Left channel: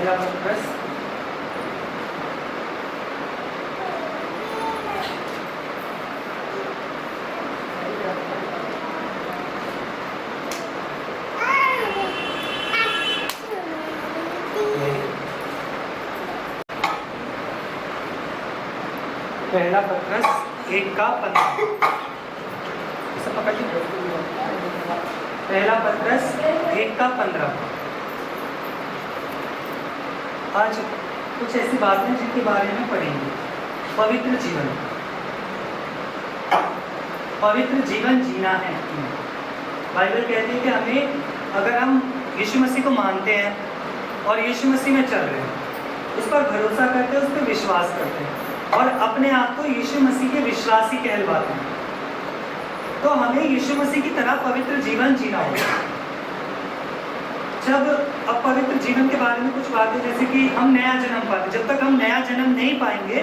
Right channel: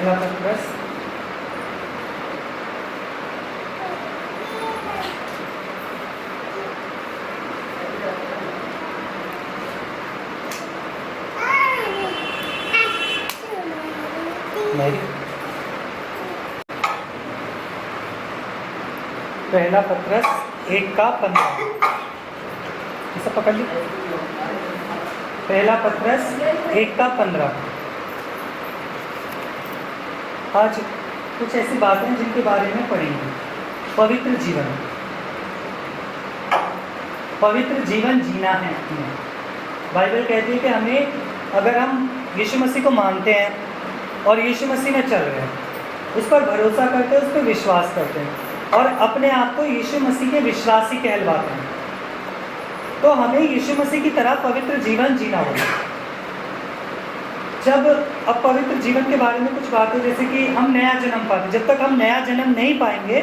पहला पत्रस पहला पत्रस 1:15 ऐसा पकड़ लीजिए। पहला पत्रस 1:15। आज कुछ ऐसी बातें जिनके बारे में पढ़ेंगे। पवित्र जीवन, पवित्र जीवन जीना है। बाइबल कहती है कि हमें, अगर हम यीशु मसीह को मानते हैं और यीशु मसीह में चल रहे हैं, उस पर भरोसा करते हैं, उस पर विश्वास करते हैं और अपने आप को यीशु मसीह के विश्वासी कहलवाते हैं, तो हमें यीशु मसीह की तरह पवित्र जीवन जीना होगा। जब अब पवित्र जीवन के बारे में कुछ बातें, जैसे कि हम नया जन्म पाते, जब तक हम नया जन्म नहीं पाएंगे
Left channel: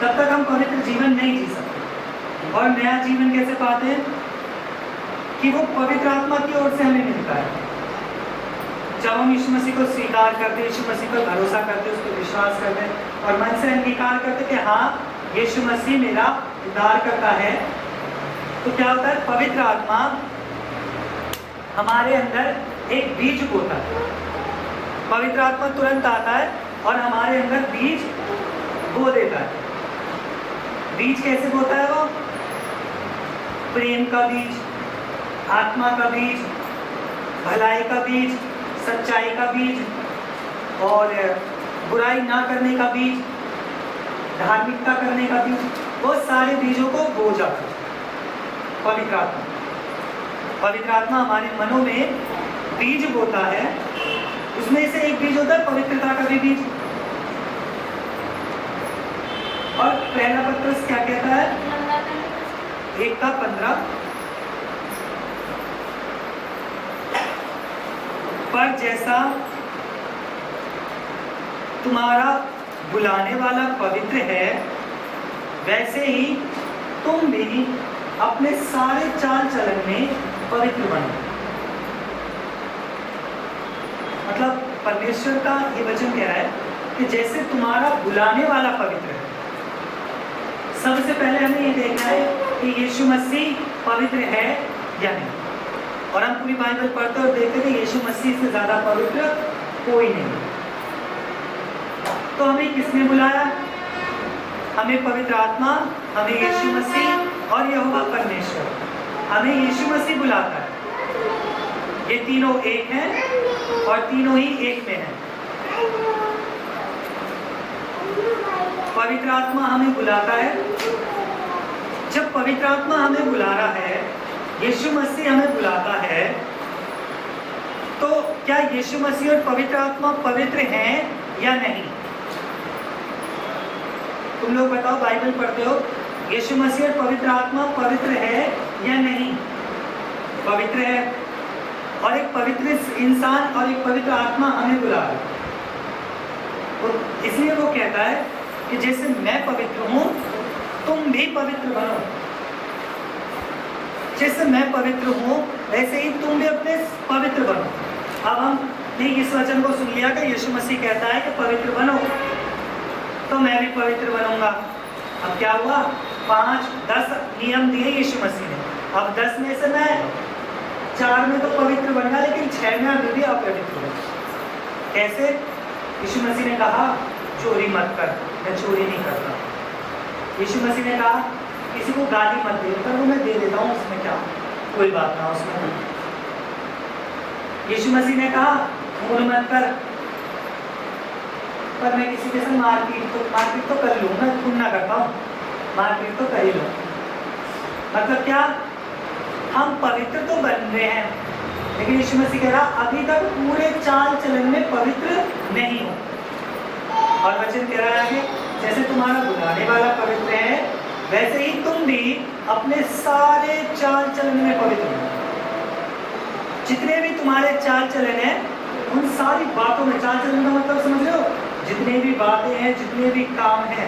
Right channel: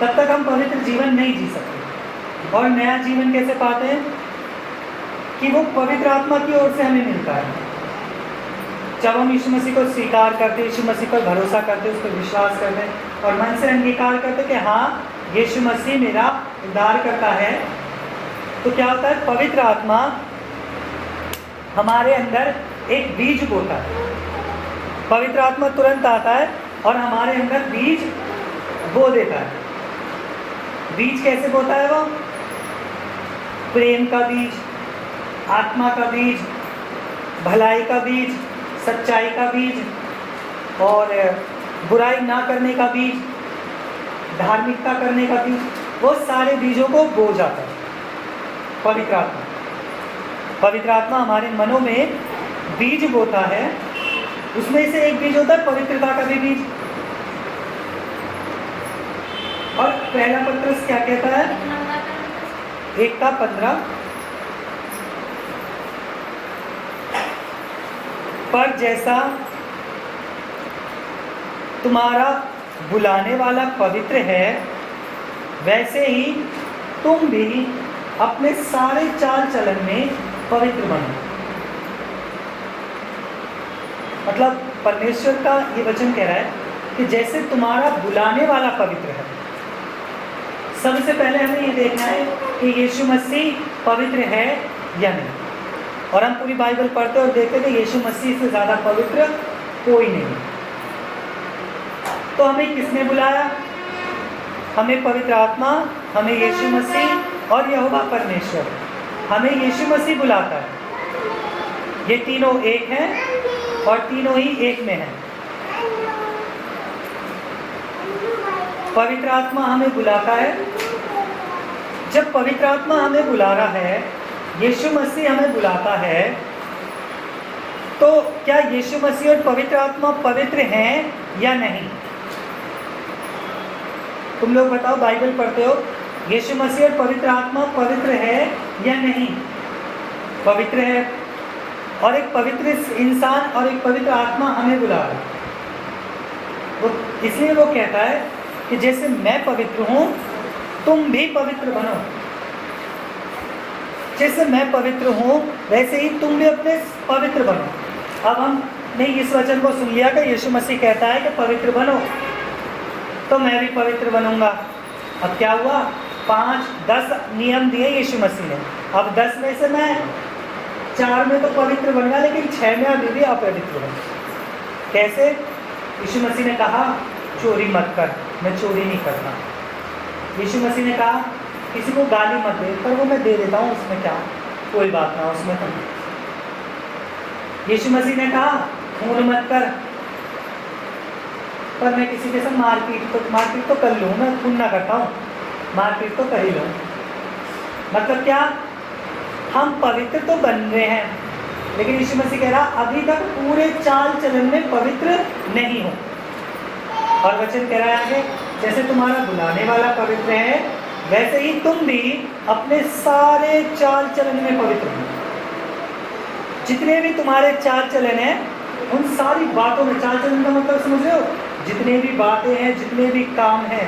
तब तक हम पवित्र जीवन नहीं जी सकते। और नया जीवन कैसे पाते हैं कि वो पवित्र आत्मा की ओर से हमें मिलता है। जब हम यीशु मसीह को स्वीकार करते, यीशु मसीह पर भरोसा करते, उस पर विश्वास करते और मन से अंगीकार करते कि हाँ, यीशु मसीह मेरा उद्धार करता है, तो क्या होता है, पवित्र आत्मा हमारे अंदर एक बीज बोता है। पवित्र आत्मा तुरंत आता है और हमारे अंदर बीज बो देता है। बीज कैसे बोता है वो? प्रेम का बीज, आत्मा का बीज, भलाई का बीज, सच्चाई का बीज और बुराई ना करने का बीज, धार्मिकता करने का बीज, वो सारे बीजों को बो जाता है पवित्र आत्मा। पवित्र आत्मा हमारे मनों में बीज बोता है। उसमें से एक बीज होता है पवित्रता का भी बीज। और पहला पत्रस क्या कहता है? 1:15, पर जैसा तुम्हारा बुलाने वाला पवित्र है, वैसे ही तुम भी अपने सारे चाल चलन में पवित्र बनो। मतलब परमेश्वर का ये वचन कह रहा है कि जैसे तुम्हारा बुलाने वाला पवित्र है। सबसे पहले हमें ये देखना है कि यीशु मसीह पवित्र है या नहीं। और हम पूरी बाइबल पढ़ते और देखते थे यीशु मसीह से ज़्यादा पवित्र कोई नहीं। तो हमें किसने बुलाया? हमें पवित्र आत्मा, हमें यीशु मसीह और यहोवा परमेश्वर, हमें यीशु मसीह बुलाता है। ये तीनों एक हैं और तीनों ही एक में हैं। पवित्र आत्मा हमें बुलाता है। जब पवित्र आत्मा हमें बुला रहा है, यीशु मसीह हमें बुलाता है, तो क्या यीशु मसीह और पवित्र आत्मा पवित्र हैं या नहीं? तुम लोग बताओ, बाइबल पढ़ते हो, यीशु मसीह और पवित्र आत्मा पवित्र है या नहीं? पवित्र है। और एक पवित्र इंसान और एक पवित्र आत्मा हमें बुला रहा है। तो इसलिए वो कहता है कि जैसे मैं पवित्र हूं, तुम भी पवित्र बनो। जैसे मैं पवित्र हूं, वैसे ही तुम भी अपने पवित्र बनो। अब हमने इस वचन को सुन लिया कि यीशु मसीह कहता है कि पवित्र बनो, तो मैं भी पवित्र बनूंगा। अब क्या हुआ? 5-10 नियम दिए यीशु मसीह ने। अब 10 में से मैं 4 में तो पवित्र बन गया, लेकिन 6 में अभी भी अपवित्र बन। कैसे? यीशु मसीह ने कहा चोरी मत कर, मैं चोरी नहीं करता। यीशु मसीह ने कहा किसी को गाली मत दे, पर वो मैं दे देता हूँ, उसमें क्या, कोई बात ना, उसमें नहीं। यीशु मसीह ने कहा खून मत कर, पर मैं किसी के साथ मारपीट तो कर लूँ, मैं खून ना करता हूँ, मारपीट तो कर ही लूँ। मतलब क्या? हम पवित्र तो बन गए हैं, लेकिन यीशु मसीह कह रहा अभी तक पूरे चाल चलन में पवित्र नहीं हो। और वचन कह रहा है जैसे तुम्हारा बुलाने वाला पवित्र है, वैसे ही तुम भी अपने सारे चाल चलन में पवित्र हो। जितने भी तुम्हारे चाल चलन हैं, उन सारी बातों में, चाल चलन का मतलब समझ रहे हो? जितने भी बातें हैं, जितने भी काम हैं,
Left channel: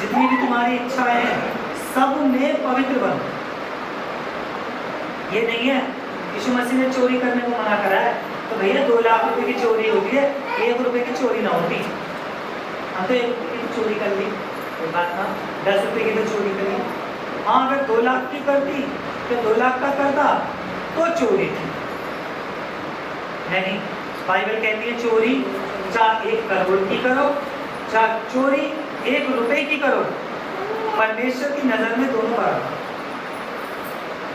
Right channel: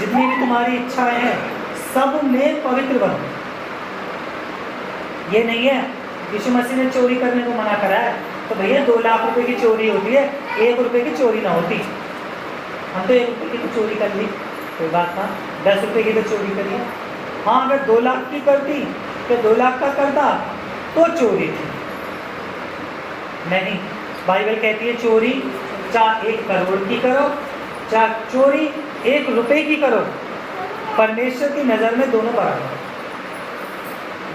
जितनी भी तुम्हारी इच्छाएं हैं, सब में पवित्र बनो। ये नहीं है यीशु मसीह ने चोरी करने को मना करा है, तो भैया 2 लाख रुपए की चोरी होती है, 1 रुपए की चोरी ना होती। हम तो 1 रुपए की चोरी कर ली, कोई बात था, 10 रुपए की तो चोरी करी। हाँ, अगर 2 लाख की करती तो 2 लाख का करता तो चोरी थी। नहीं, बाइबल कहती है चोरी चाहे 1 करोड़ की करो, चाहे चोरी 1 रुपए की करो, परमेश्वर की नजर में दोनों बराबर,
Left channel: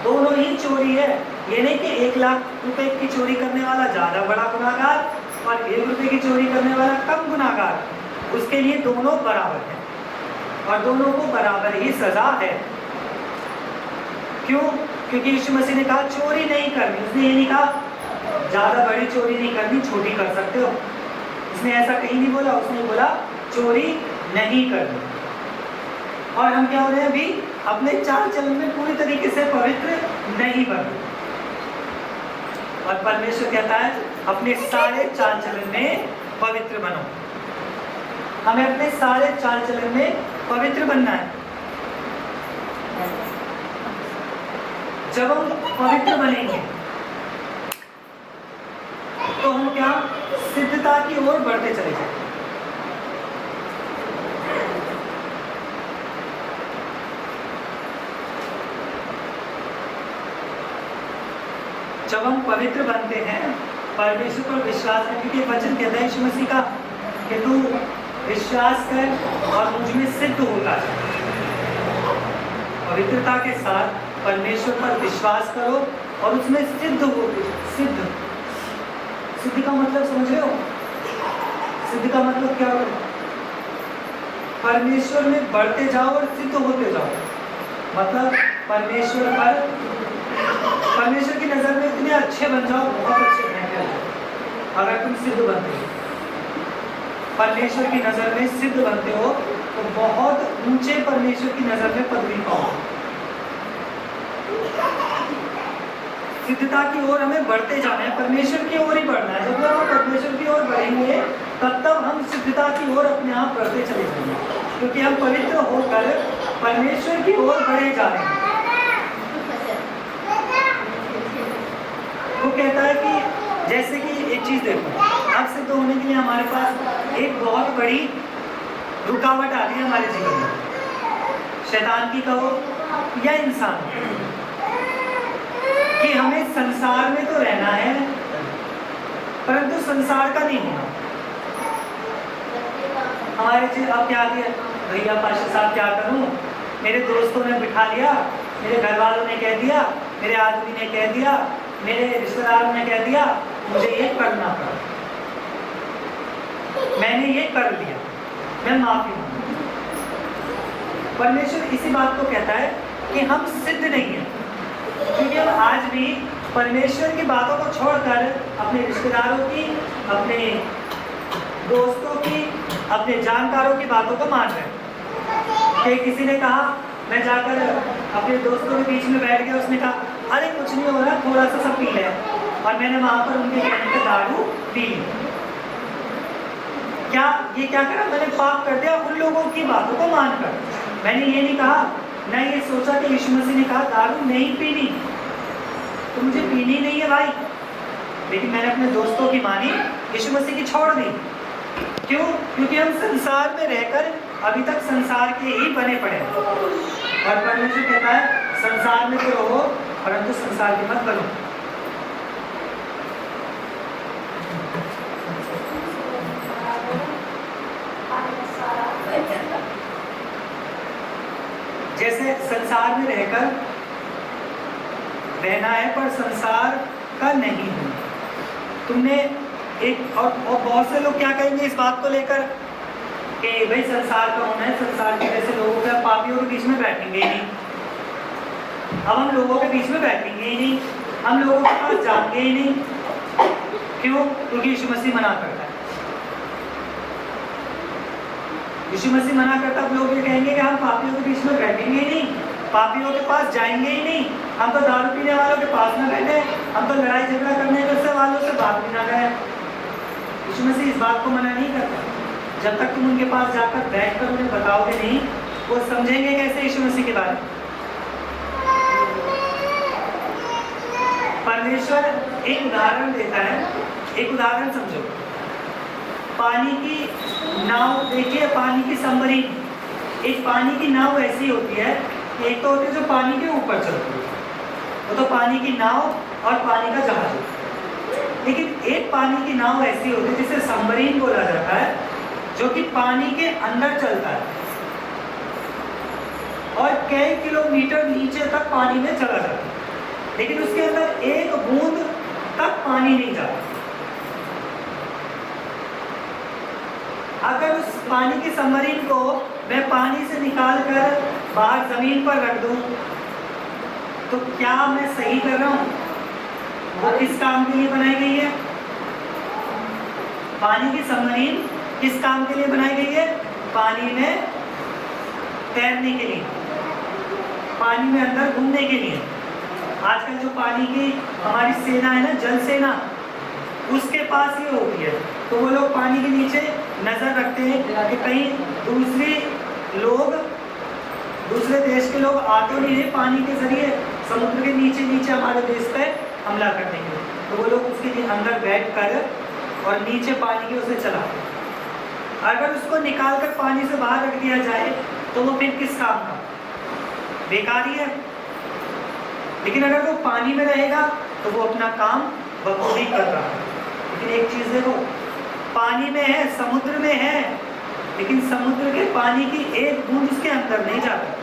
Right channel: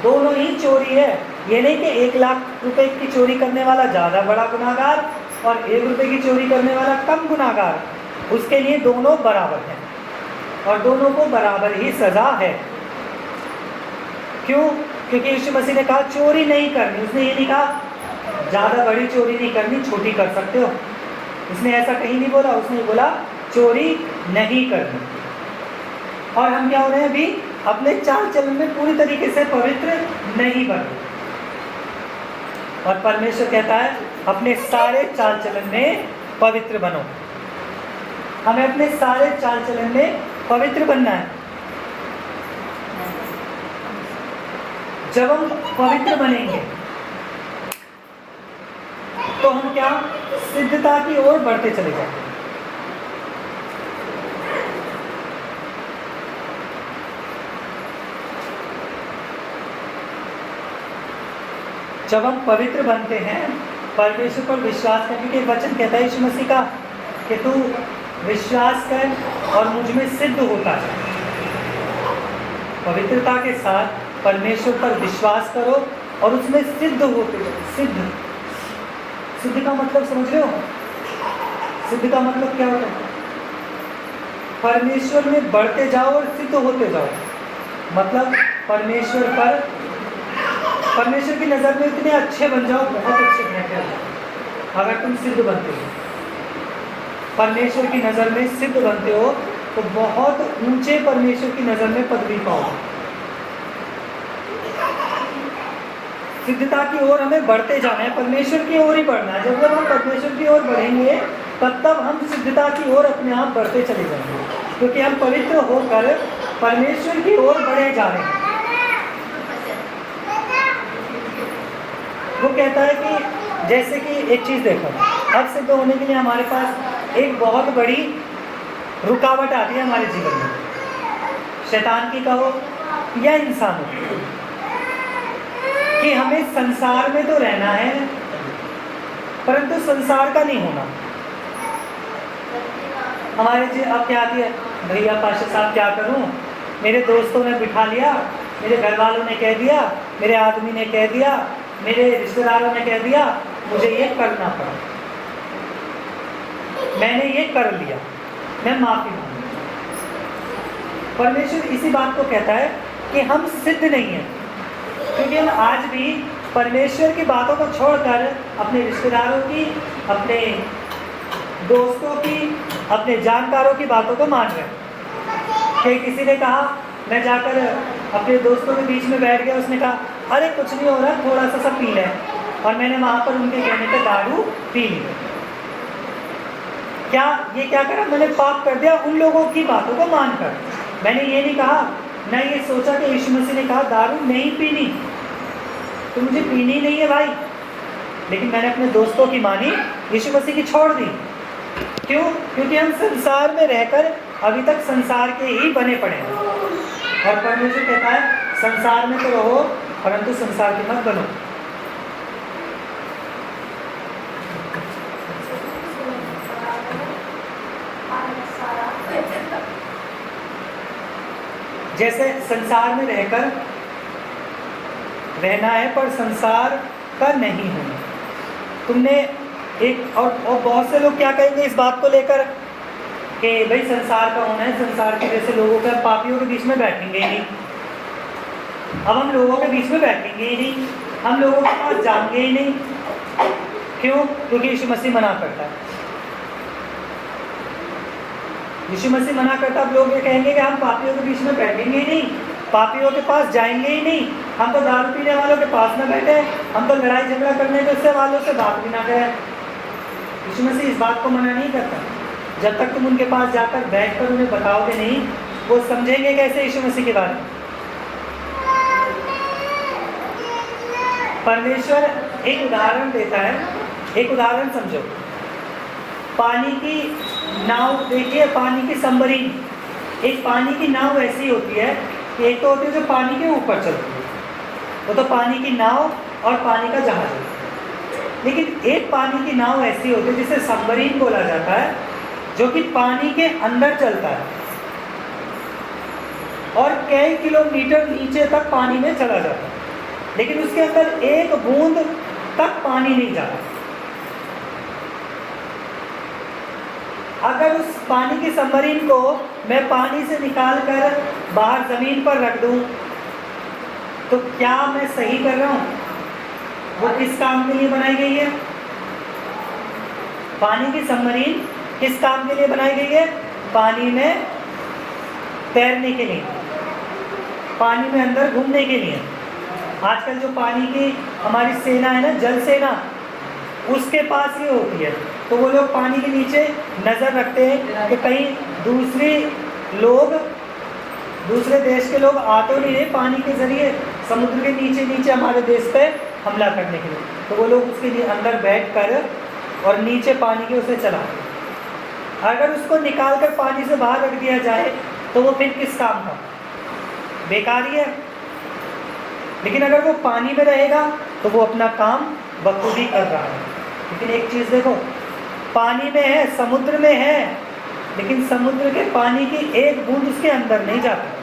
दोनों ही चोरी है। ये नहीं कि 1 लाख रुपए की चोरी करने वाला ज्यादा बड़ा गुनाहगार और 1 रुपए की चोरी करने वाला कम गुनाहगार, उसके लिए दोनों बराबर है और दोनों को बराबर ही सजा है। क्यों? क्योंकि यीशु मसीह ने कहा चोरी नहीं करनी। उसने ये नहीं कहा ज्यादा बड़ी चोरी नहीं करनी, छोटी कर सकते हो, उसने ऐसा कहीं नहीं बोला। उसने बोला चोरी नहीं करनी। और हम क्या हो रहे हैं अभी? अपने चाल चलन में पूरी तरीके से पवित्र नहीं बन रहे। और परमेश्वर कहता है अपने सारे चाल चलन में पवित्र बनो। हमें अपने सारे चाल चलन में पवित्र बनना है। जब हम पवित्र बनेंगे तो हम क्या सिद्धता की ओर बढ़ते चले जाएंगे। जब हम पवित्र बनते हैं, परमेश्वर पर विश्वास करने के वचन कहता है यीशु मसीह का कि तू विश्वास कर और मुझ में सिद्ध होता है। पवित्रता के साथ परमेश्वर पर विश्वास करो और उसमें सिद्ध हो। सिद्ध का मतलब समझ रहे हो? सिद्ध का मतलब क्या होता है? परमेश्वर में बढ़ते जाओ और सिद्ध होते जाओ। मतलब परमेश्वर की नजर में इतने अच्छे बन जाओ, बहुत अच्छे बन जाओ। अगर तुम सिद्ध बनते हो, परमेश्वर की नजर में सिद्ध बनते हो, तो बहुत ऊंचे परमेश्वर की नजर में पदवी पाओगे। सिद्धता की ओर हमें बढ़ते जाना है, परमेश्वर की ओर ही बढ़ना है। जब हम परमेश्वर की ओर बढ़ेंगे तब हम सिद्धता की ओर अपने आप बढ़ते चले जाएंगे, क्योंकि हम पवित्र होकर परमेश्वर की ओर बढ़े जा रहे हैं। वो कहता है कि जैसे कि एक चीज देखो, अब सिद्ध होने के लिए हमारे पास एक बहुत बड़ी रुकावट आती है हमारे जीवन में, शैतान की कहो या इंसानों की, कि हमें संसार में तो रहना है परंतु संसार का नहीं होना। हमारे अब क्या किया भैया पाशा साहब, क्या करूं? मेरे दोस्तों ने बिठा लिया, मेरे घर वालों ने कह दिया, मेरे आदमी ने कह दिया, मेरे रिश्तेदारों ने कह दिया, मुझे ये करना पड़ा, मैंने ये कर लिया, मैं माफी मांगू। परमेश्वर इसी बात को कहता है कि हम सिद्ध नहीं हैं, क्योंकि हम आज भी परमेश्वर की बातों को छोड़कर अपने रिश्तेदारों की, अपने दोस्तों की, अपने जानकारों की बातों को मान रहे हैं। कि किसी ने कहा, मैं जाकर अपने दोस्तों के बीच में बैठ गया, उसने कहा अरे कुछ नहीं हो रहा, थोड़ा सा पी ले, और मैंने वहां पर उनके कहने पे दारू पी ली। क्या करा? मैंने पाप कर दिया उन लोगों की बातों को मानकर। मैंने ये नहीं कहा, मैं ये सोचा कि यीशु मसीह ने कहा दारू नहीं पीनी, तो मुझे पीनी नहीं है भाई, लेकिन मैंने अपने दोस्तों की मानी, यीशु मसीह की छोड़ दी। क्यों? क्योंकि हम संसार में रहकर अभी तक संसार के ही बने पड़े हैं, और परमेश्वर कहता है संसार में तो रहो परंतु संसार के मत बनो। जैसे संसार में रहकर रहना है पर संसार का नहीं होना। तुमने एक और बहुत से लोग क्या कहेंगे इस बात को लेकर कि भाई संसार का होना है, संसार के जैसे लोगों के, पापियों के बीच में बैठेंगे ही नहीं, अब हम लोगों के बीच में बैठेंगे ही नहीं, हम लोगों के पास जाएंगे ही नहीं। क्यों? क्योंकि यीशु मसीह मना करता है। यीशु मसीह मना करता है, लोग ये कहेंगे कि हम पापियों के बीच में बैठेंगे ही नहीं, पापियों के पास जाएंगे ही नहीं, हम तो दारू पीने वालों के पास ना बैठे, हम तो लड़ाई झगड़ा करने के वालों से बात भी ना गए। यीशु मसीह इस बात को मना नहीं करता। जब तक तुम उनके पास जाकर बैठकर उन्हें बताओगे नहीं, वो समझेंगे कैसे यीशु मसीह के बारे में। परमेश्वर एक उदाहरण देता है, एक उदाहरण समझो। पानी की नाव देखिए, पानी की सबमरीन। एक पानी की नाव ऐसी होती है, एक तो होती है जो पानी के ऊपर चलती है, वो तो पानी की नाव और पानी का जहाज होता है। लेकिन एक पानी की नाव ऐसी होती है जिसे सबमरीन बोला जाता है, जो कि पानी के अंदर चलता है और कई किलोमीटर नीचे तक पानी में चला जाता है, लेकिन उसके अंदर एक बूंद तक पानी नहीं जाता। अगर उस पानी की सबमरीन को मैं पानी से निकाल कर बाहर जमीन पर रख दूं, तो क्या मैं सही कर रहा हूं? वो किस काम के लिए बनाई गई है? पानी की सबमरीन किस काम के लिए बनाई गई है? पानी में तैरने के लिए, पानी में अंदर घूमने के लिए। आजकल जो पानी की हमारी सेना है ना, जल सेना, उसके पास ये होती है। तो वो लोग पानी के नीचे नजर रखते हैं कि कहीं दूसरे देश के लोग आ तो नहीं है पानी के जरिए समुद्र के नीचे नीचे हमारे देश पे हमला करने के लिए। तो वो लोग उसके लिए अंदर बैठ कर और नीचे पानी के उसे चलाते हैं। अगर उसको निकाल कर पानी से बाहर रख दिया जाए तो वो फिर किस काम का? बेकार ही है। लेकिन अगर वो पानी में रहेगा तो वो अपना काम बखूबी कर रहा है। लेकिन एक चीज देखो, पानी में है, समुद्र में है, लेकिन समुद्र के पानी की एक बूंद उसके अंदर नहीं जाती।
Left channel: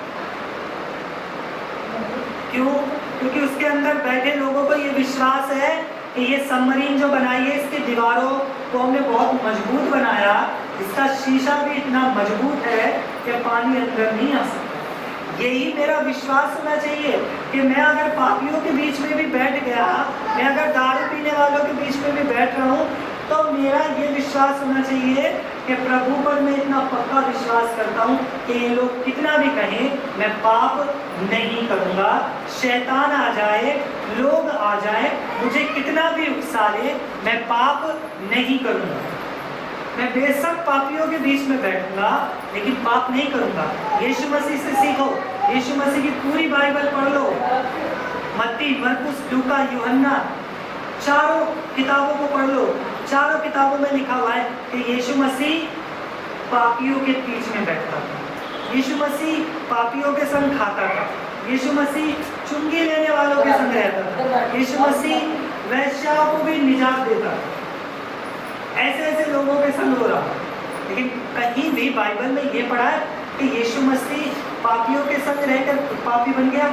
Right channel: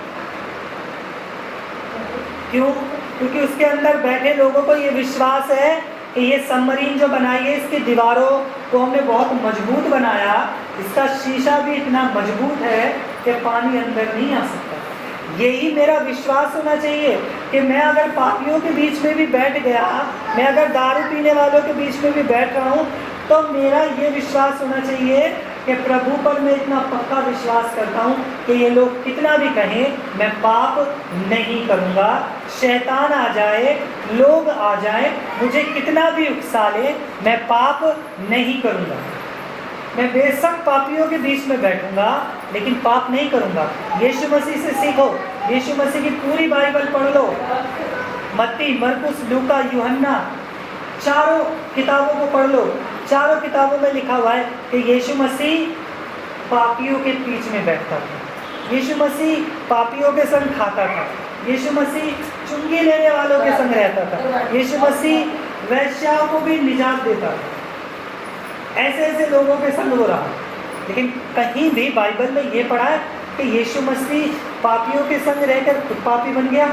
क्यों? क्योंकि उसके अंदर बैठे लोगों को ये विश्वास है कि ये सबमरीन जो बनाई है, इसकी दीवारों को हमने बहुत मजबूत बनाया, इसका शीशा भी इतना मजबूत है कि पानी अंदर नहीं आ सकता। यही मेरा विश्वास होना चाहिए कि मैं अगर पापियों के बीच में भी बैठ गया, मैं अगर दारू पीने वालों के बीच में भी बैठ रहा हूँ, तो मेरा ये विश्वास होना चाहिए कि प्रभु पर मैं इतना पक्का विश्वास करता हूँ कि ये लोग कितना भी कहें, मैं पाप नहीं करूँगा। शैतान आ जाए, लोग आ जाए, मुझे कितना भी उकसा ले, मैं पाप नहीं करूँगा। मैं बेशक पापियों के बीच में बैठूंगा, लेकिन पाप नहीं करूंगा। यीशु मसीह से सीखो, यीशु मसीह की पूरी बाइबल पढ़ लो, मत्ती, मरकुस, लूका, यूहन्ना, चारों किताबों को पढ़ लो। चारों किताबों में लिखा हुआ है कि यीशु मसीह पापियों के बीच में बैठता था, यीशु मसीह पापियों के संग खाता था, यीशु मसीह चुंगी लेने वालों के संग रहता था, यीशु मसीह वैश्याओं को भी निजात देता था। ऐसे ऐसे लोगों के संग हो रहा। लेकिन कहीं भी बाइबल में ये पढ़ा है कि यीशु मसीह पापियों के संग रहकर खुद पापी बन गया?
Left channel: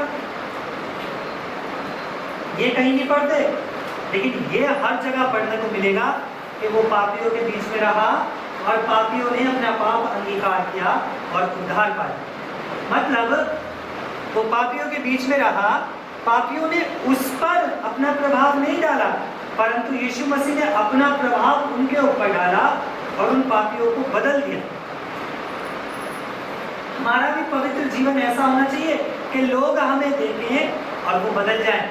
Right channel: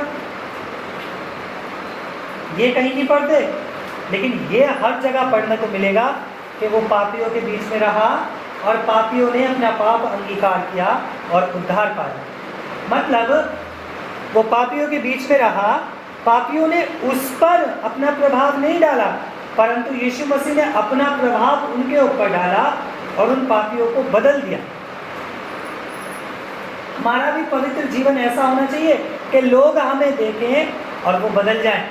ये कहीं नहीं पढ़ते। लेकिन ये हर जगह पढ़ने को मिलेगा कि वो पापियों के बीच में रहा और पापियों ने अपना पाप अंगीकार किया और उद्धार पाया। मतलब वो पापियों के बीच में रहा, पापियों ने उस पर अपना प्रभाव नहीं डाला, परंतु यीशु मसीह ने अपना प्रभाव उनके ऊपर डाला और उन पापियों को बदल दिया। हमारा भी पवित्र जीवन ऐसा होना चाहिए कि लोग हमें देखें और वो बदल जाए,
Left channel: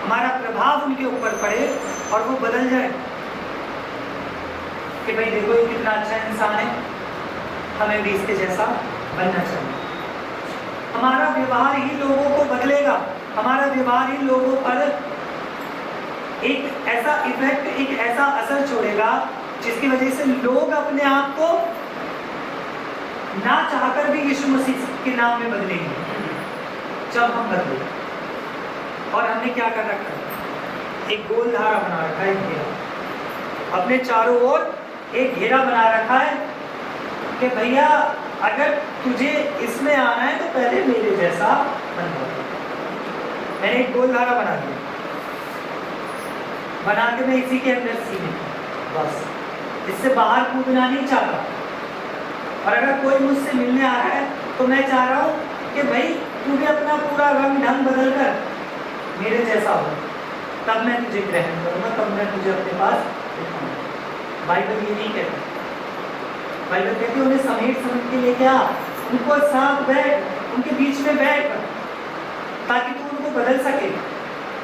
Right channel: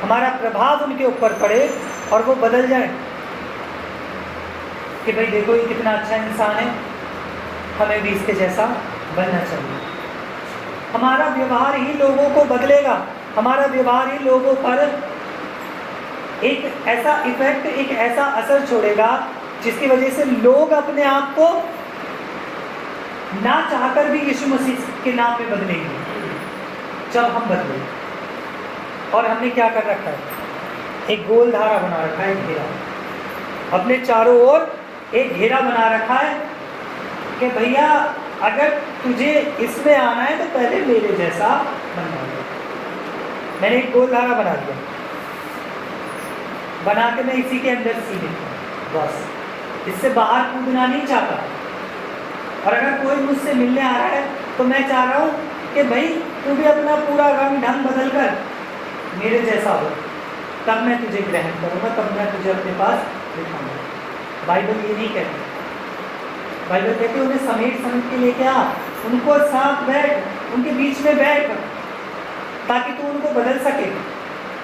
हमारा प्रभाव उनके ऊपर पड़े और वो बदल जाए कि भाई देखो ये कितना अच्छा इंसान है, हमें भी इसके जैसा बनना चाहिए। हमारा व्यवहार ही लोगों को बदलेगा, हमारा व्यवहार ही लोगों पर एक ऐसा इफेक्ट, एक ऐसा असर छोड़ेगा जिसकी वजह से लोग अपने आप को ना चाहकर भी यीशु मसीह के नाम में बदलेंगे। जब हम बदले, और हमने क्या कर रखा है? एक गोल धारा बना रखा है, घेरा, अपने चारों ओर एक घेरा बना रखा है कि भैया अगर तुझे इसमें आना है तो पहले मेरे जैसा बनना। मैंने एक गोल धारा बना दिया, बना के मैं इसी के अंदर सीमित हूं, बस इससे बाहर कूदना नहीं चाहता। और अगर कोई मुझसे मिलने आ रहा है तो मैं चाह रहा हूँ कि भाई तू भी अपना पूरा रंग ढंग बदल कर मेरे जैसा हो, तब मैं तुझे ग्रहण करूँगा, तब मैं तुझे अपने पास दिखाऊंगा। बाइबल ये नहीं कहती। बाइबल कहती उन्हें समेट समेट के लेके आ, उनको साथ बैठ, उनके बीच में बैठ, ताकि तू उनको बदल सके।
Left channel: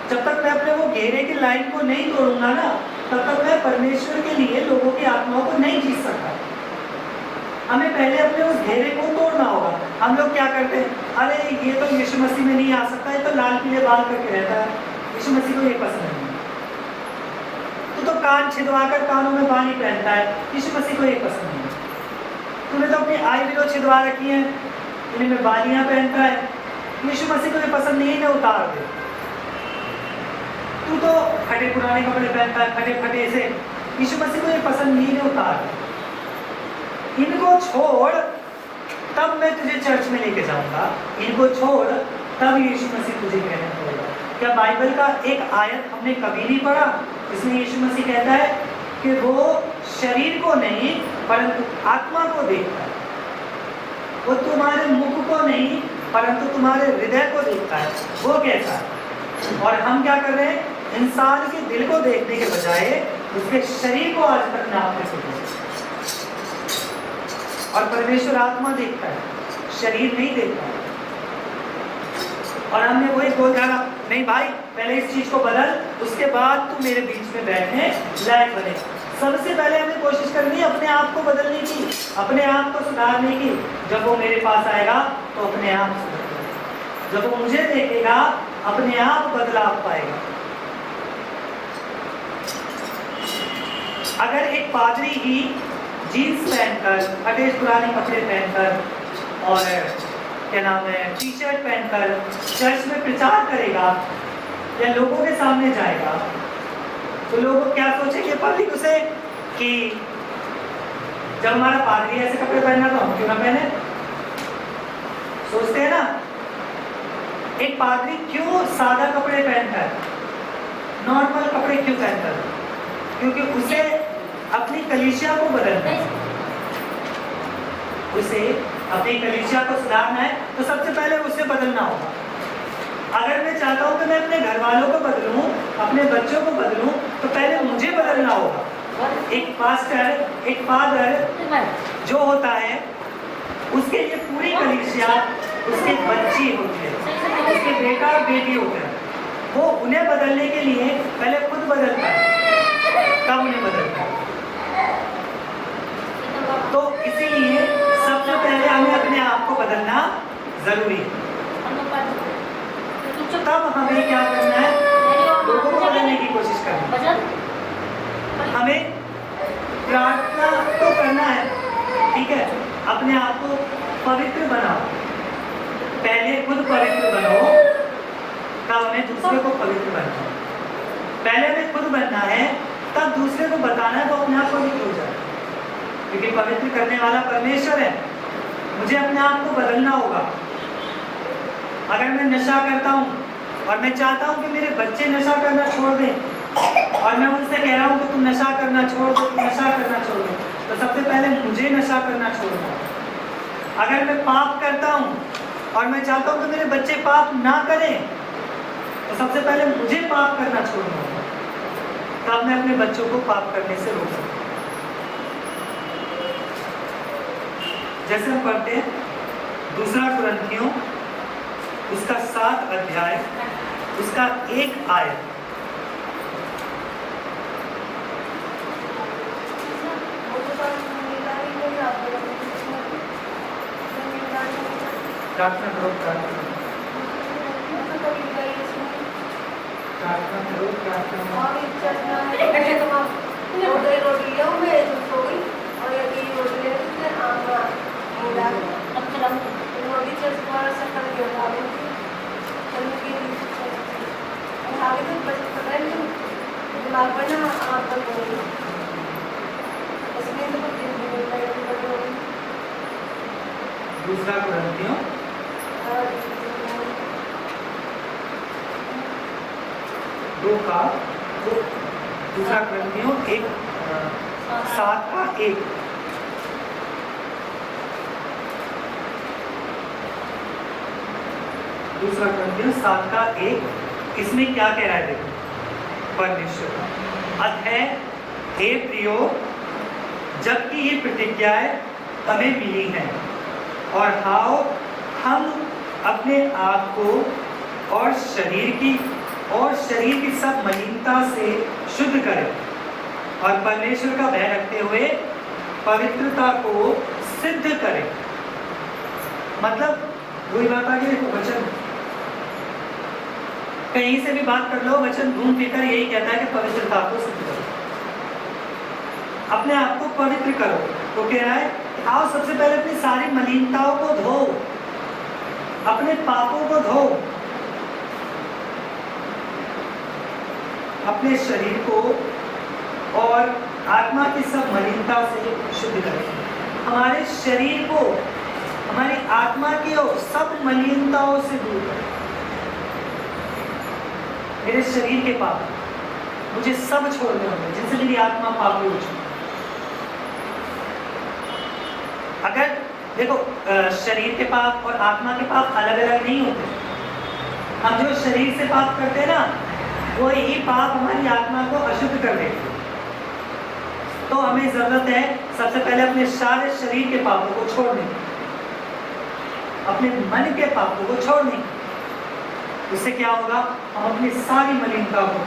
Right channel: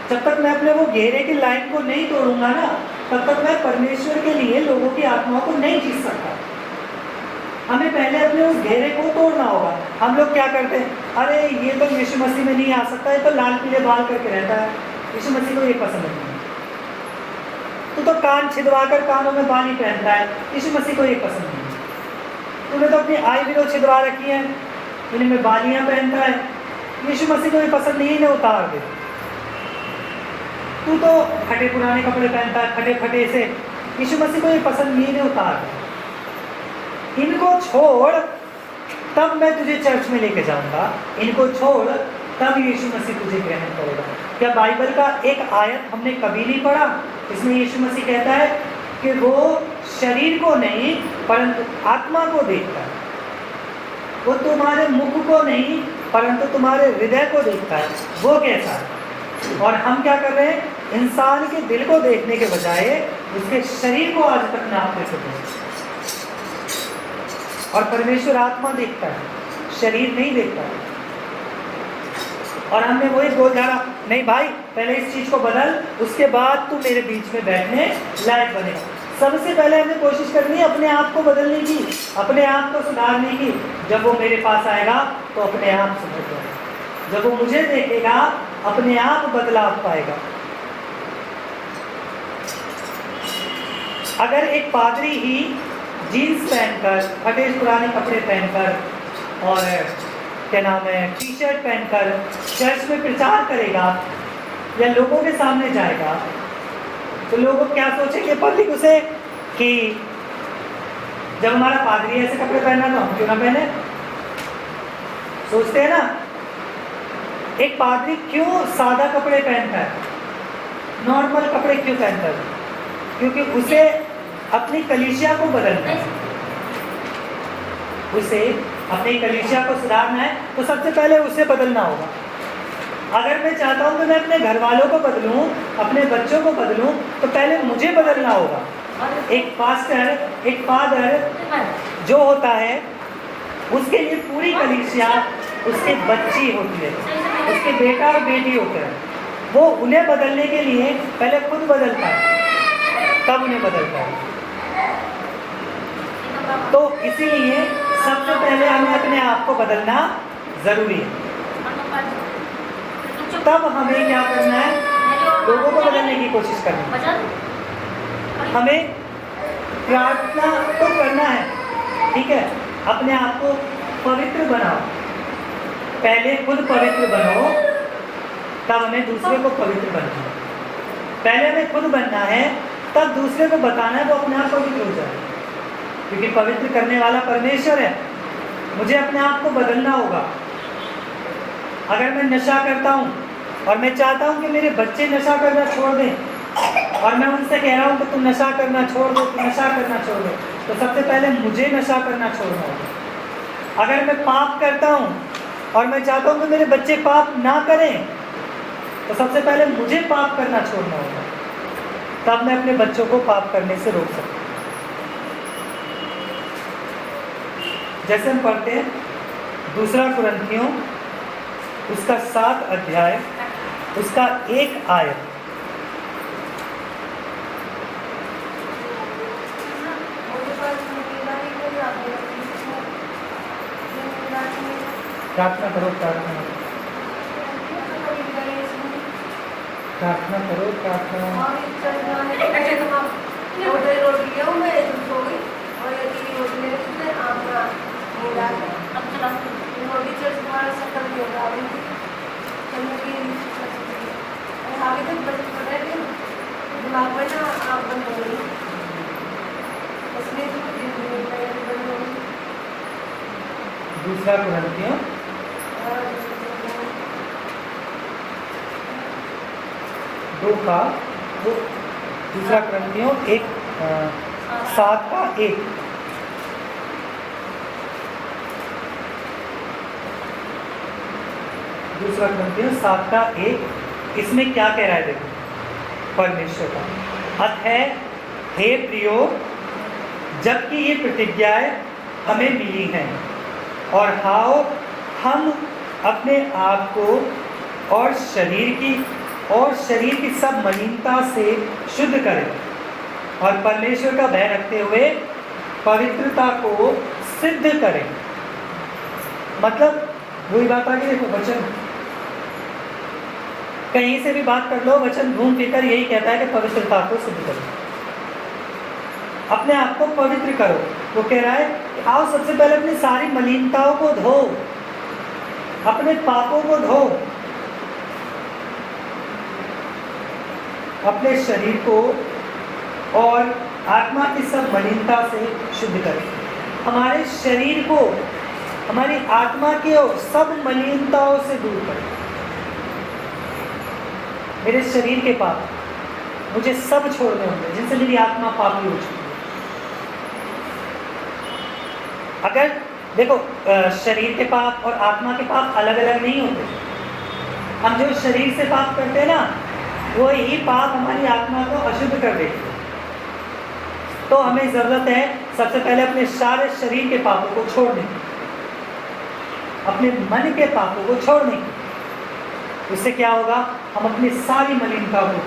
जब तक मैं अपने वो घेरे की लाइन को नहीं तोड़ूंगा ना, तब तक मैं परमेश्वर के लिए लोगों की आत्माओं को नहीं जीत सकता। हमें पहले अपने उस घेरे को तोड़ना होगा। हम लोग क्या करते हैं, अरे ये तो यीशु मसीह में नहीं आ सकता, ये तो लाल पीले बाल करके रहता है, यीशु मसीह को ये पसंद नहीं है। तू तो कान छिदवाकर कानों में बाली पहनता है, यीशु मसीह को ये पसंद नहीं है। तूने तो अपनी आईब्रो छिदवा रखी है, इनमें बालियां पहनता है, यीशु मसीह को ये पसंद नहीं है, उतार दे। तू तो फटे पुराने कपड़े पहनता है, फटे फटे से, यीशु मसीह को ये पसंद नहीं है, उतार दे। इनको छोड़ तब मैं तुझे चर्च में लेके जाऊंगा, इनको छोड़ तब यीशु मसीह तुझे ग्रहण करेगा। क्या बाइबल का एक आयत हमने कभी नहीं पढ़ा इसमें यीशु मसीह कहता है कि वो शरीर को नहीं परंतु आत्मा को देखता है, वो तुम्हारे मुख को नहीं परंतु तुम्हारे हृदय को देखता है, वो कैसा है। और हम क्या कर रहे हैं, इंसान के दिल को देखने के बजाय उसके शरीर को आज तक नाप में चुके हैं। और परमेश्वर आत्मा देखता है, शरीर नहीं देखता है। और हमने वही बोल डाला, नहीं भाई पहले इस चीज को बदल, उसके बाद तू मेरे बीच में बैठने लायक बने। सबसे पहले हमने कोशिश करनी है अपने आप को बदलने की, अपने आप को सुधारने की। जब वो मेरे पास आएगा तो अपने आप सुधर जाएगा, जब वो मुझे देखेगा अपने आप बदलाव पाएगा। अगर एक पादरी ही जीन्स पहनकर, फटे पुराने कपड़े पहनकर और क्या नाम है टी शर्ट पहनकर चर्च में प्रचार करेगा या लोगों के सामने जाएगा तो लोग क्या सोचेंगे पब्लिक उसे कि जब हमारा पादरी ऐसे कपड़े पहना तो हम क्यों ना पहने। सोचते हैं ना, एक पादरी क्यों सादा कपड़े पहनता है, नॉर्मल कपड़े क्यों पहनता है? क्योंकि उसे अपनी कलीसिया को बदलना है, उसे अपनी कलीसिया को सुधारना है, तो सबसे पहले उसे बदलना होगा। अगर मैं चाहता हूं कि मैं अपने घर वालों को बदलूं, अपने बच्चों को बदलूं, तो पहले मुझे बदलना होगा। एक पास्टर, एक फादर जो होता है उसके लिए पूरी कलीसिया उसकी बच्ची होती है, उसके बेटा और बेटी होते हैं। वो उन्हें बदलने के लिए पहले खुद बदलता है, तब उन्हें बदलता है। तो इसीलिए सबसे पहले हमें अपने आप को बदलना जरूरी है। तब हमें क्या करना है, लोगों को बदलने की कोशिश करनी है। हमें प्रार्थना तो करना है, ठीक है, अपने आप को पवित्र बनाओ, पहले खुद पवित्र बनो, तब हमें दूसरे को पवित्र बनना है। पहले हमें खुद बनना है, तब दूसरे को बताना है वो अपने आप पवित्र हो जाए, क्योंकि पवित्र करने वाला परमेश्वर है। मुझे अपने आप को बदलना होगा। अगर मैं नशा करता हूँ और मैं चाहता हूँ कि मेरे बच्चे नशा करना छोड़ दें, और मैं उनसे कह रहा हूँ कि तुम नशा करना छोड़ दो, तुम नशा करना छोड़ दो, तो सबसे पहले मुझे नशा करना छोड़ना होगा। अगर मैं पाप करता हूँ और मैं चाहता हूँ कि मेरे बच्चे पाप ना करें, तो सबसे पहले मुझे पाप करना छोड़ना होगा, तब मैं अपने बच्चों को पाप करने से रोक सकता हूँ। जैसे हम पढ़ते हैं 2 कुरिन्थियों उसका 7 अध्याय उसका 1 आयत। प्रार्थना करो, प्रार्थना करो, प्रार्थना करो, प्रार्थना। दूसरा कुरिन्थियों 2 का 2 कुरिन्थियों 7 का 1। दूसरा कुरिन्थियों 7 का 1। इसमें क्या कह रहा है देखो, परमेश्वर का अतः हे प्रियो, जबकि ये प्रतिज्ञाएं हमें मिली हैं, और हाओ हम अपने आप को और शरीर की सब मलिनता से शुद्ध करें और परमेश्वर का भय रखते हुए पवित्रता को सिद्ध करें। मतलब वही बात आ गई, देखो वचन कहीं से भी बात कर लो, वचन घूम फिर कर यही कहता है कि पवित्रता को शुद्ध करो, अपने आप को पवित्र करो। वो कह रहा है आओ सबसे पहले अपनी सारी मलिनताओं को धो, अपने पापों को धो, अपने शरीर को और आत्मा की सब मलिनता से शुद्ध करें। हमारे शरीर को, हमारी आत्मा की और सब मलिनताओं से दूर करें। मेरे शरीर के पाप मुझे सब छोड़ने होंगे जिनसे मेरी आत्मा पापी हो चुकी है। अगर देखो शरीर के पाप और आत्मा के पाप अलग अलग नहीं होते। हम जो शरीर से पाप करते हैं ना, वो ही पाप हमारी आत्मा को अशुद्ध कर देते हैं। तो हमें जरूरत है सबसे पहले अपने सारे शरीर के पापों को छोड़ने, अपने मन के पापों को छोड़ने। उससे क्या होगा? हम अपनी सारी मलिनता को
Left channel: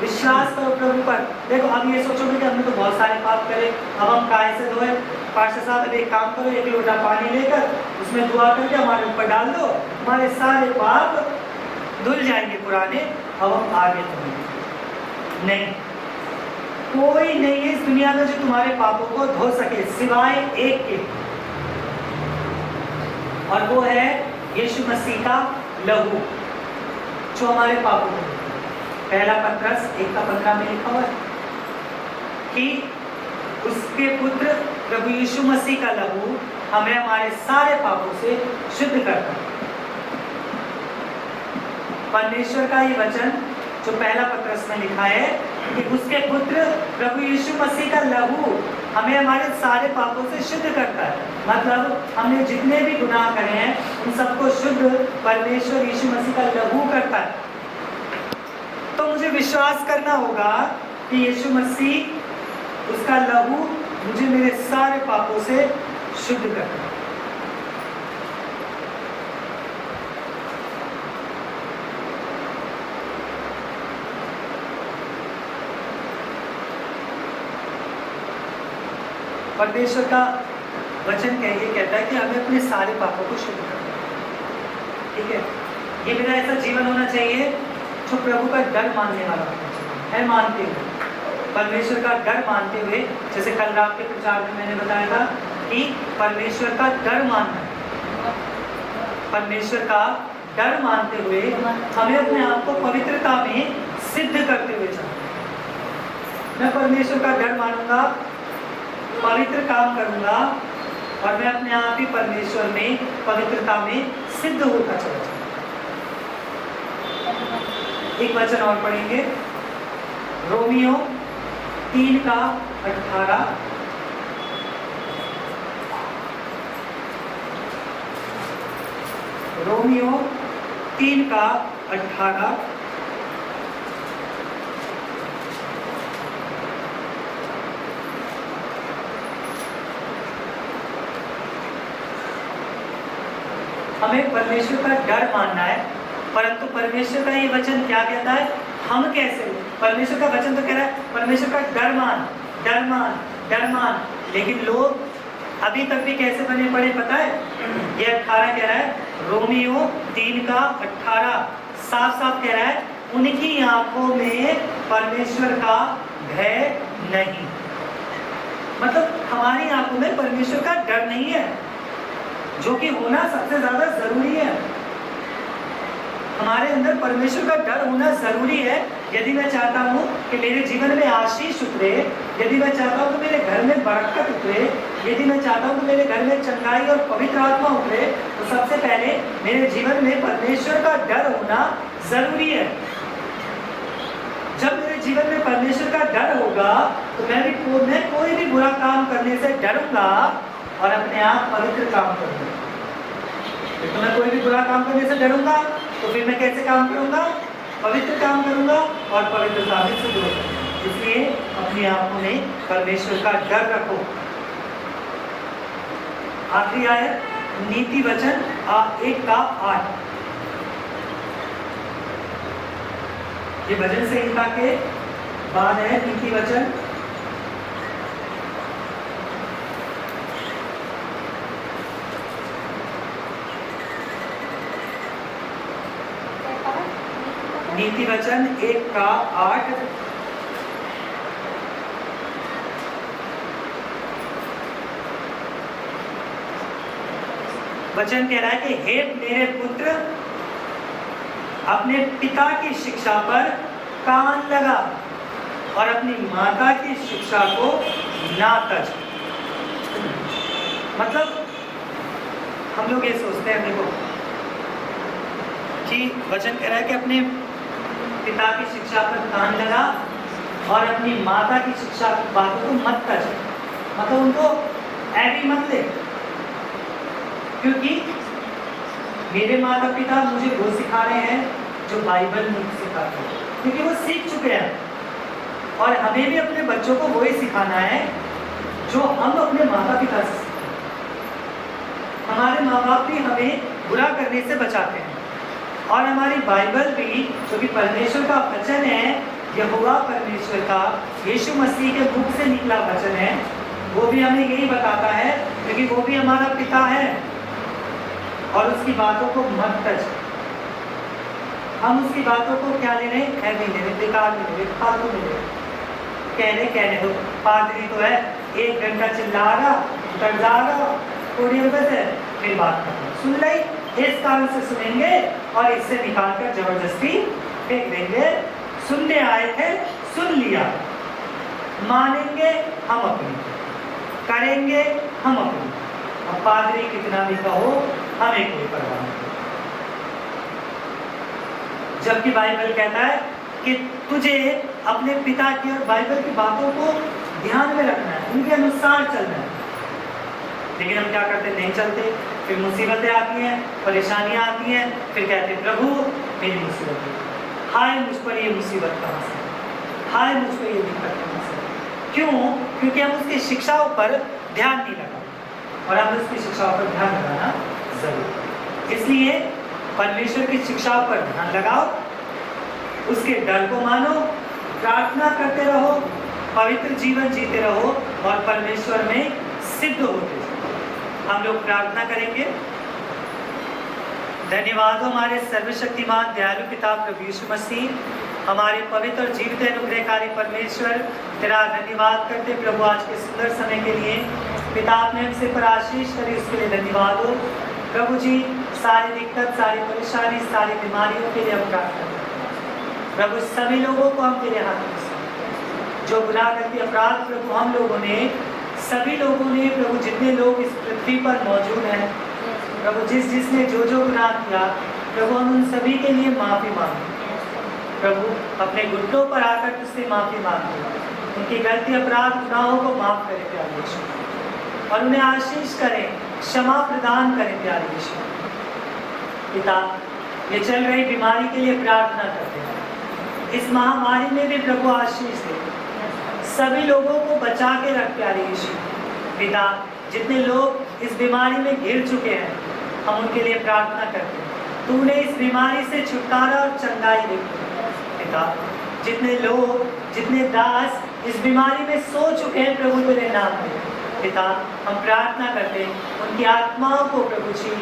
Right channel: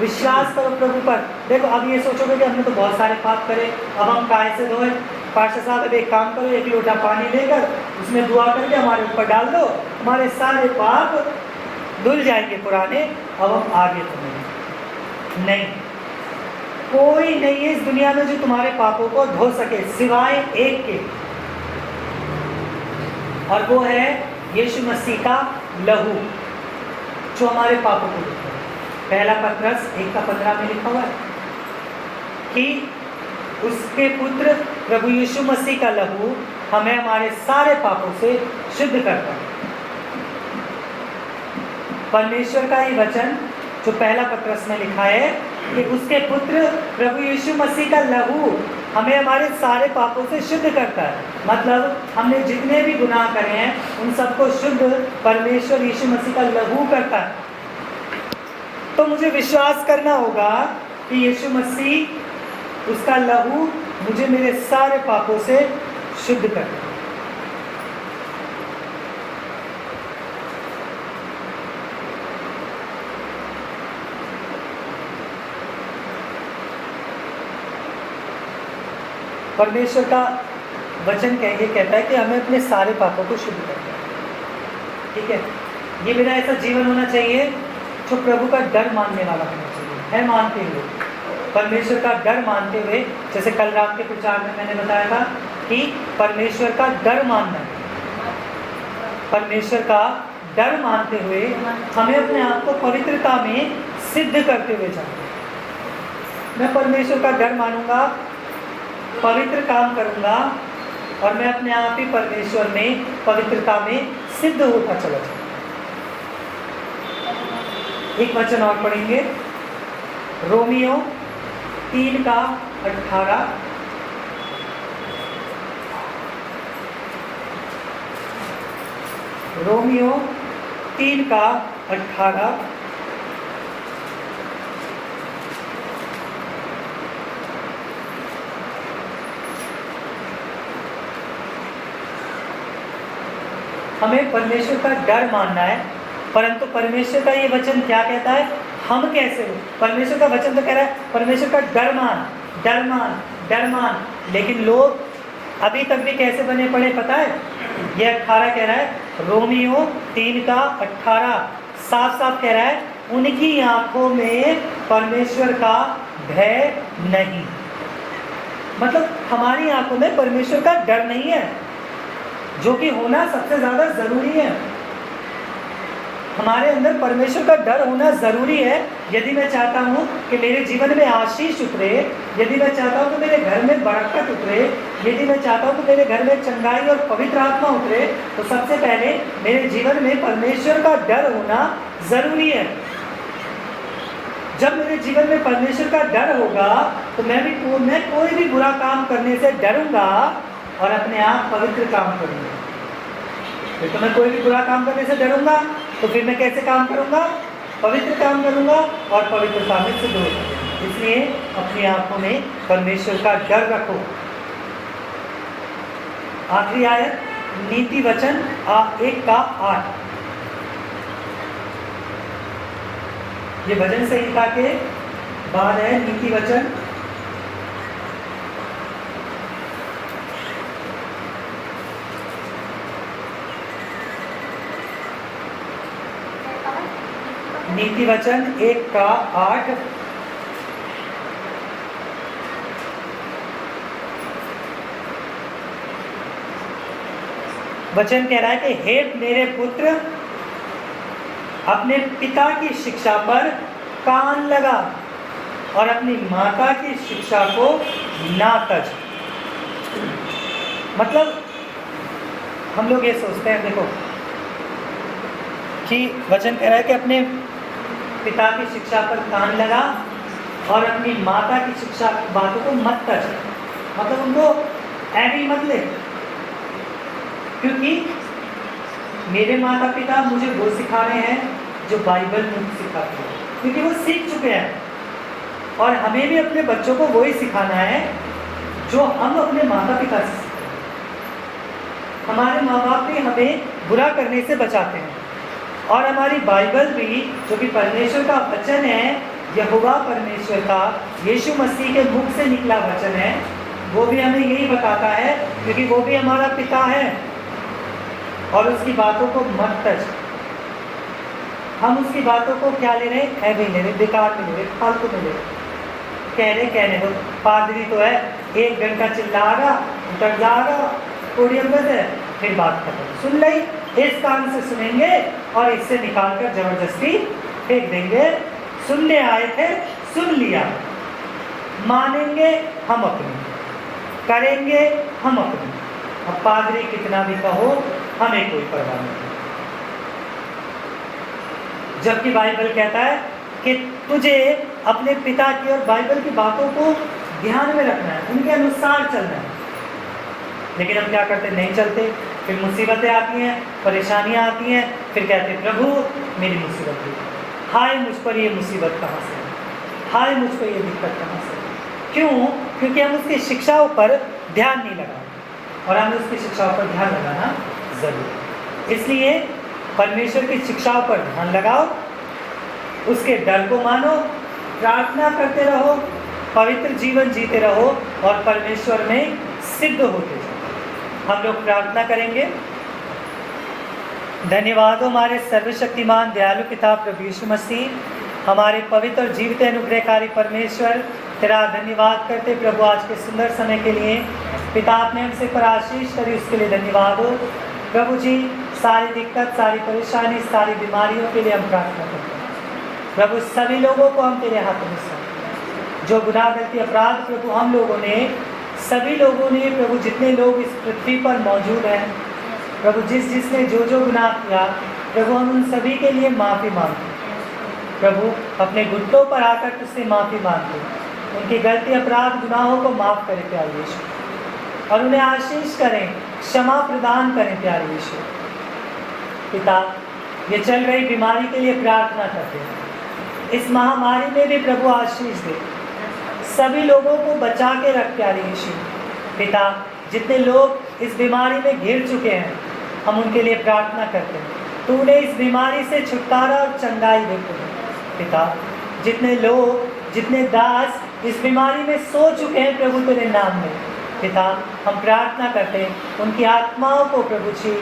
विश्वास करो प्रभु पर। देखो अब ये सोचोगे कि हमने तो बहुत सारे पाप करे, अब हम काहे से धोए? पास्टर साहब एक काम करो, एक लोटा पानी लेकर उसमें दुआ करके हमारे ऊपर डाल दो, हमारे सारे पाप धुल जाएंगे पुराने, अब हम आगे चलेंगे। नहीं, कोई नहीं है इस दुनिया में जो तुम्हारे पापों को धो सके सिवाय एक के, और वो है यीशु मसीह का लहू जो हमारे पापों को। पहला पत्रस 1:15 में लिखा हुआ है कि उसके पुत्र प्रभु यीशु मसीह का लहू हमें हमारे सारे पापों से शुद्ध करता है। परमेश्वर का ये वचन जो पहला पत्रस में लिखा है कि उसके पुत्र प्रभु यीशु मसीह का लहू हमें हमारे सारे पापों से शुद्ध करता है। मतलब हमने जितने भी गुनाह करे हैं उन सबको शुद्ध परमेश्वर यीशु मसीह का लहू करता है। तो मुझे विश्वास करना होगा कि यीशु मसीह उसका लहू मुझे मेरे सारे पापों से शुद्ध करता है। परमेश्वर का वचन कहता है कि हमें अपने सारे पापों को शुद्ध करना है। ठीक है, ये मेरा ऐसा जीवन होना चाहिए जो प्रभु का डर मानने वाला होना चाहिए, है मानते हुए, परमेश्वर का डर मानते हुए। जैसे कल रात के प्रचार में मैंने बताया था कि परमेश्वर का डर मानना, परमेश्वर का डर मानते हुए हमें अपने आप को पवित्रता में सिद्ध करते हुए जाना। मैं परमेश्वर का डर मानूंगा, पवित्र काम करूंगा और मैं अपने आप ही परमेश्वर में पवित्रता में सिद्ध होता चला जाऊंगा। एक वचन और पढ़ेंगे, रोमियो 3:18। रोमियो 3:18। हमें परमेश्वर का डर मानना है, परंतु परमेश्वर का ये वचन क्या कहता है? हम कैसे हो? परमेश्वर का वचन तो कह रहा है परमेश्वर का डर मान, डर मान, डर मान। लेकिन लोग अभी तक भी कैसे बने पड़े पता है? ये 18 कह रहा है, रोमियो 3:18 साफ साफ कह रहा है, उनकी आंखों में परमेश्वर का भय नहीं। मतलब हमारी आंखों में परमेश्वर का डर नहीं है, जो कि होना सबसे ज्यादा जरूरी है। हमारे अंदर परमेश्वर का डर होना जरूरी है। यदि मैं चाहता हूँ कि मेरे जीवन में आशीष उतरे, यदि मैं चाहता हूँ कि मेरे घर में बरकत उतरे, यदि मैं चाहता हूँ कि मेरे घर में चंगाई और पवित्र आत्मा उतरे, तो सबसे पहले मेरे जीवन में परमेश्वर का डर होना जरूरी है। जब मेरे जीवन में परमेश्वर का डर होगा तो मैं कोई भी बुरा काम करने से डरूंगा और अपने आप पवित्र काम करूंगा। तो मैं कोई भी बुरा काम करने से डरूंगा तो फिर मैं कैसे काम करूंगा? पवित्र काम करूंगा और पवित्रता में सिद्ध होगा। इसलिए अपनी आंखों में परमेश्वर का डर रखो। आखिरी आयत नीति वचन 1:8। ये भजन संहिता के बाद है नीति वचन। नीति वचन 1:8। वचन कह रहा है कि हे मेरे पुत्र, अपने पिता की शिक्षा पर कान लगा और अपनी माता की शिक्षा को ना तज। मतलब हम लोग ये सोचते हैं, देखो कि वचन कह रहा है कि अपने पिता की शिक्षा पर कान लगा और अपनी माता की शिक्षा की बातों को मत कर, मतलब उनको ऐसी मत ले, क्योंकि मेरे माता पिता मुझे वो सिखा रहे हैं जो बाइबल में सिखाते हैं, क्योंकि वो सीख चुके हैं। और हमें भी अपने बच्चों को वही सिखाना है जो हम अपने माता पिता से सीखते हैं। हमारे माँ बाप भी हमें बुरा करने से बचाते हैं, और हमारी बाइबल भी जो कि परमेश्वर का वचन है, यहोवा परमेश्वर का यीशु मसीह के मुख से निकला वचन है, वो भी हमें यही बताता है, क्योंकि वो भी हमारा पिता है। और उसकी बातों को मत तज। हम उसकी बातों को क्या ले रहे हैं, ऐसे ले रहे, बेकार ले रहे, फालतू ले रहे, कहने दो। पादरी तो है 1 घंटा चिल्ला रहा, उतर जा रहा पोडियम पे से, फिर बात करें सुन ली, इस कारण से सुनेंगे और इससे निकाल कर जबरदस्ती फेंक देंगे। सुनने आए थे, सुन लिया, मानेंगे हम अपनी, करेंगे हम अपनी। अब पादरी कितना भी कहो, हमें कोई परवाह नहीं। जबकि बाइबल कहता है कि तुझे अपने पिता की और बाइबल की बातों को ध्यान में रखना है, उनके अनुसार चलना है। लेकिन हम क्या करते, नहीं चलते, फिर मुसीबतें आती हैं, परेशानियां आती हैं, फिर कहते प्रभु मेरी मुसीबत है, हाय मुझ पर ये मुसीबत कहाँ से, हाय मुझ पर ये दिक्कत कहाँ से। क्यों? क्योंकि हम उसकी शिक्षाओं पर ध्यान नहीं लगा, और हमें उसकी शिक्षाओं पर ध्यान लगाना जरूर। इसलिए परमेश्वर की शिक्षाओं पर ध्यान लगाओ, उसके डर को मानो, प्रार्थना करते रहो, पवित्र जीवन जीते रहो और परमेश्वर में सिद्ध होते रहो। हम लोग प्रार्थना करेंगे। धन्यवाद हो हमारे सर्वशक्तिमान दयालु पिता प्रभु यीशु मसीह, हमारे पवित्र और जीवित अनुग्रहकारी परमेश्वर, तेरा धन्यवाद करते प्रभु आज के सुंदर समय के लिए। पिता आपने हमसे पर आशीष करी, उसके लिए धन्यवाद हो प्रभु जी। सारी दिक्कत, सारी परेशानी, सारी बीमारियों के लिए हम प्रार्थना करते हैं प्रभु। सभी लोगों को हम तेरे हाथों में सौंपते हैं जो गुनाह करके अपराध प्रभु हम लोगों ने, सभी लोगों ने प्रभु, जितने लोग इस पृथ्वी पर मौजूद हैं प्रभु, जिसने जो गुनाह किया प्रभु, हम उन सभी के लिए माफ़ी मांगते प्रभु। अपने घुटनों पर आकर उससे माफ़ी मांगते, उनकी गलती अपराध गुनाहों को माफ़ करें प्यारे यीशु, और उन्हें आशीष करें, क्षमा प्रदान करें प्यारे यीशु। पिता, ये चल रही बीमारी के लिए प्रार्थना करते हैं, इस महामारी में भी प्रभु आशीष दे, सभी लोगों को बचा के रख प्यारे यीशु। पिता, जितने लोग इस बीमारी में घिर चुके हैं हम उनके लिए प्रार्थना करते हैं, तू उन्हें इस बीमारी से छुटकारा और चंगाई देते पिता। जितने लोग, जितने दास इस बीमारी में सो चुके हैं प्रभु तेरे नाम में पिता, हम प्रार्थना करते हैं उनकी आत्माओं को प्रभु जी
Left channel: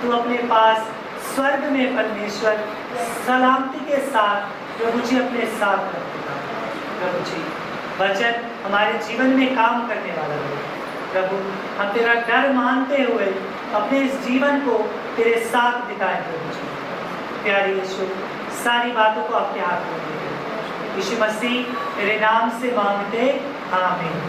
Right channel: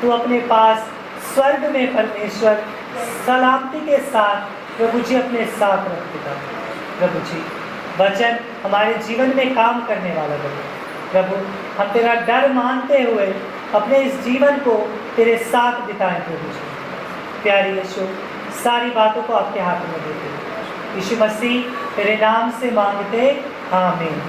तू अपने पास स्वर्ग में परमेश्वर सलामती के साथ प्रभु जी अपने साथ रख पिता। प्रभु जी वचन हमारे जीवन में काम करने वाला बने प्रभु। हम तेरा डर मानते हुए अपने इस जीवन को तेरे साथ बिताएं प्रभु जी। प्यारे यीशु, सारी बातों को आपके हाथ में देते यीशु मसीह तेरे नाम से मांगते, आमीन।